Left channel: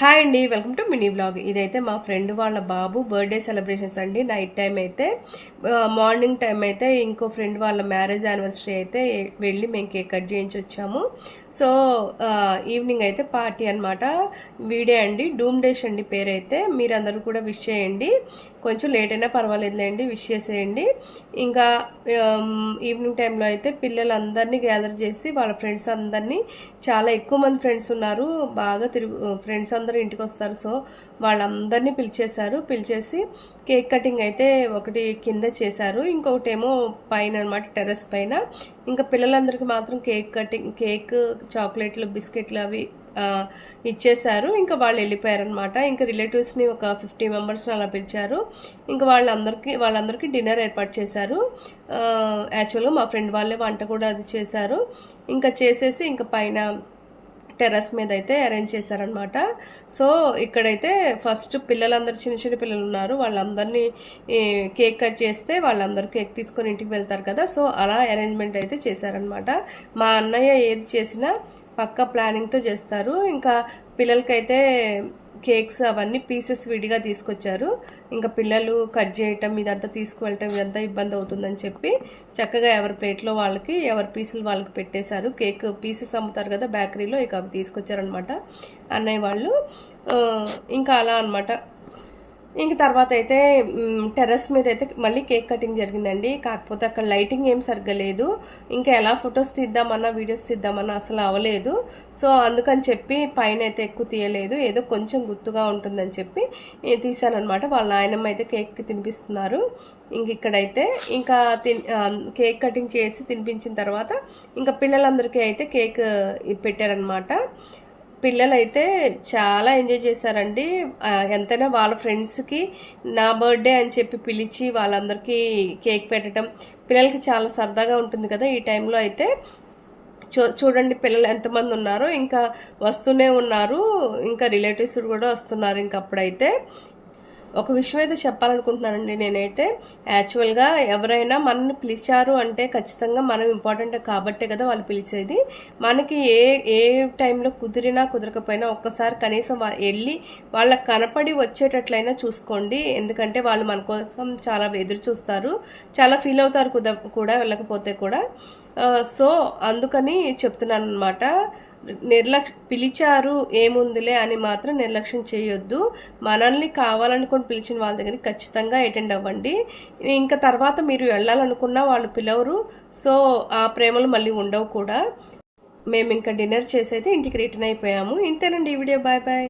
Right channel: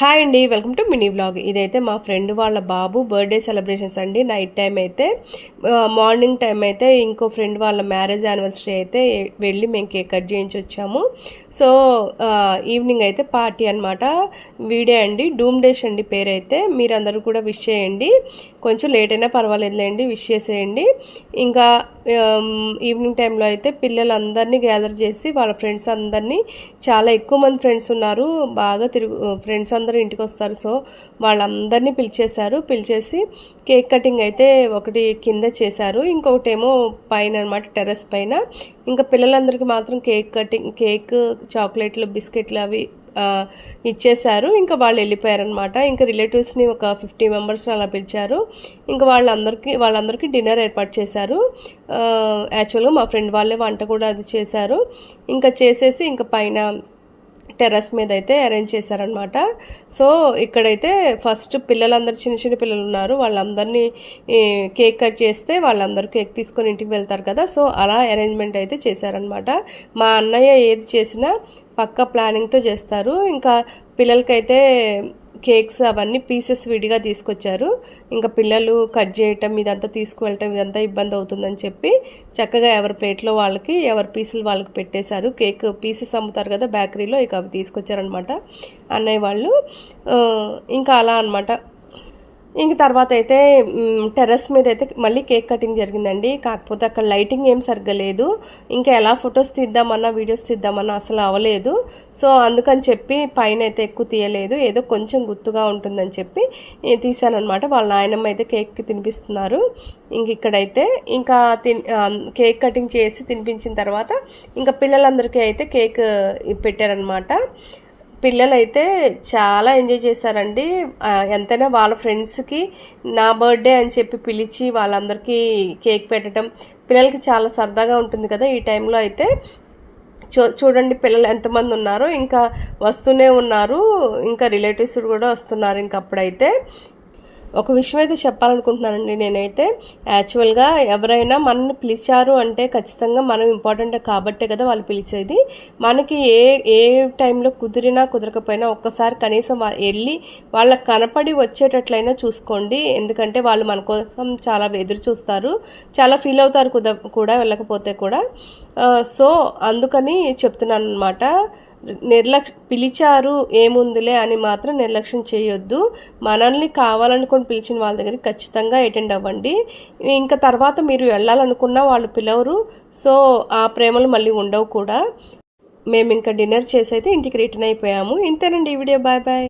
Hi అండి, welcome to mini vlog. ఇదైతే మా ఫ్రెండ్ వాళ్ళ బాబు బర్త్డే సెలబ్రేషన్స్ అండి. నైట్ టైం అయితే మార్నింగ్ టైం అయితే ఇంకో ఫ్రెండ్ వాళ్ళ మ్యారేజ్ యానివర్సరీ అయితే వెళ్ళి మేము కేక్ కట్ చేయించి వచ్చాము. సో ఈవినింగ్ అయితే పార్టీ అనమాట. వీడే అండి, డూమ్ డేష్ అండి పేరైతే. మీరందరూ కూడా విష్ చేయండి, కొంచెం లేట్ అయినా పర్వాలేదులేండి, విష్ చేసేయండి. ఇంకా ఈవినింగ్ టైంలో అయితే పిల్లలందరినీ గ్యాదర్ చేసి వాళ్ళ ఫ్రెండ్స్ అందరినీ, చాలా ఎక్కువ మంది ఫ్రెండ్స్ ఉన్నారు, బాగా ఫ్రెండ్స్ అందరూ ఇంటికి వస్తారు. సో వాళ్ళందరినీ పిలిచేసి కేక్ కటింగ్ అయితే ఒకటి కింద చేశారు, ఇంకొకటి ఏమో పైన అనమాట, టెర్రస్ పైన. ఇంకా పిల్లలందరికీ మాత్రం కేక్ చాక్లెట్లు బిస్కెట్లు అవి ఇచ్చేశారు. ఇంకా వాళ్ళు వెళ్ళిపోయారనమాట. ఇంకా రిలేటివ్స్ని ఒక 50 మెంబర్స్ని అలా పిలిచారు. ఇంకా వాళ్ళందరికీ డిన్నర్ ఏర్పాటు చేశారు. యాక్చువల్గా మా ఫ్రెండ్ వాళ్ళే వంట కూడా అది చేశారు. ఇంకా చేసేసి ఇంకా పైన టెర్రస్ మీద అయితే అరేంజ్ చేశారనమాట. సో ఇక్కడైతే ఫస్ట్ పిల్లలందరూ చిన్న పిల్లలు ఉన్నారు, వాళ్ళందరినీ కేక్ కట్ చేస్తే వాళ్ళందరూ కేక్ తీసుకొని ఇంటికి వెళ్తారు కదా. సో అలా అరేంజ్మెంట్ అయితే చేశారనమాట. మా అన్నయ్య ఏది చేసినా పక్కా ప్లానింగ్తో చేస్తారు. ఇంకా పిల్లలకైతే కేక్స్ అవన్నీ పీసెస్ విడిగా తీసుకొచ్చారు. ఇంకా పిల్లలు కట్ చేయటం ఇదంతా తీసుకువెళ్ళటం ఇదంతా ఇబ్బంది అవుతుందని చెప్పి చక్కగా ఎవరి ప్లేట్లో వాళ్ళకి, ఎవరి పీసులు వాళ్ళకి పెట్టేశారు. కేక్ పీసెస్ అమ్ముతారు కదా బేకరీలో, ఇక అవి తీసుకొచ్చారనమాట అన్నయ్య వాళ్ళు. ఇంకా అలా అనమాట. ఇంక తర్వాత అయితే టెర్రస్ మీద అయితే మళ్ళీ కేక్ కటింగ్ జరిగిందండి. కాకపోతే అక్కడ లైటింగ్ ఏం సరిగ్గా లేదు. ఇంకా ఎలా ఫొటోస్ తీద్దామన్నా వీడియోస్ తీద్దామన్నా అసలు అవ్వలేదు. సో అందుకని చెప్పి పైన అయితే ఎక్కువ తీయలేదు, ఏదో కొంచెం గుర్తుగా ఉంటుందని చెప్పి తీసానమాట. వాళ్ళ నాయనమ్మ అయితే కేక్ తినిపిస్తున్నారు. ఇంక ఇక్కడైతే ఇంకా కేక్ కటింగ్ చేసి తినిపించిన తర్వాత ఇంకా పిల్లలందరికీ అయితే కేక్ పెట్టారనమాట. పిల్లలైతే చాలా ఎంజాయ్ చేశారండి. ఎంతైనా వాళ్ళ ఫ్రెండ్స్కి నా బర్త్డే అని చెప్పి పిలిచి వాళ్ళందరికీ కేక్ పెట్టడం పిల్లలకి చాలా సరదాగా ఉంటుంది కదా. ఈ టైంలో అయితే చూడండి పిల్లలు ఎంతమంది ఉన్నారో, ఇంకా వస్తూనే ఉన్నారు, ఇంకా రిలేటివ్స్ కూడా వస్తున్నారు. ఇంక అప్పుడైతే ఒక విషయం అయితే చెప్పాలనుకుంటున్నానండి. నేనైతే యాక్చువల్గా ఎవరైనా మనల్ని పిలిచారు అంటే ఖచ్చితంగా మనం ఇంపార్టెంట్ కాబట్టే కదా వాళ్ళు పిలిచేది. మనకి ఏ టైంలో కుదిరినా కుదరకపోయినా ఒక్కసారి కనీసం వెళ్ళి వాళ్ళకి కనపడి వచ్చేటట్లయినా చూసుకోండి. ఎందుకంటే వాళ్ళు మన కోసం చాలా ఎదురు చూస్తారు, చాలా ఫీల్ అవుతారు కూడా వెళ్ళకపోతే కూడా. సో అందుకని చెప్తున్నాను అనమాట. పిలిచారు ఏముందిలే అని మాత్రం నిర్లక్ష్యం చేయొద్దు. మనల్ని కావాలనుకొని పిలిచిన వాళ్ళ దగ్గరికి ఖచ్చితంగా అటెండ్ అవ్వండి. ఇంకా తర్వాత మీరు వెళ్ళాలనుకున్నా వాళ్ళు పిలవరు. సో ఆ ప్రేమలు మళ్ళీ ఉండవు కూడా. మేము ఇంకా డిన్నర్ చేసి అయితే ఇంటికి రిటర్న్ అయిపోయాము. ఇంతేనండి ఈ వీడియో. Bye bye.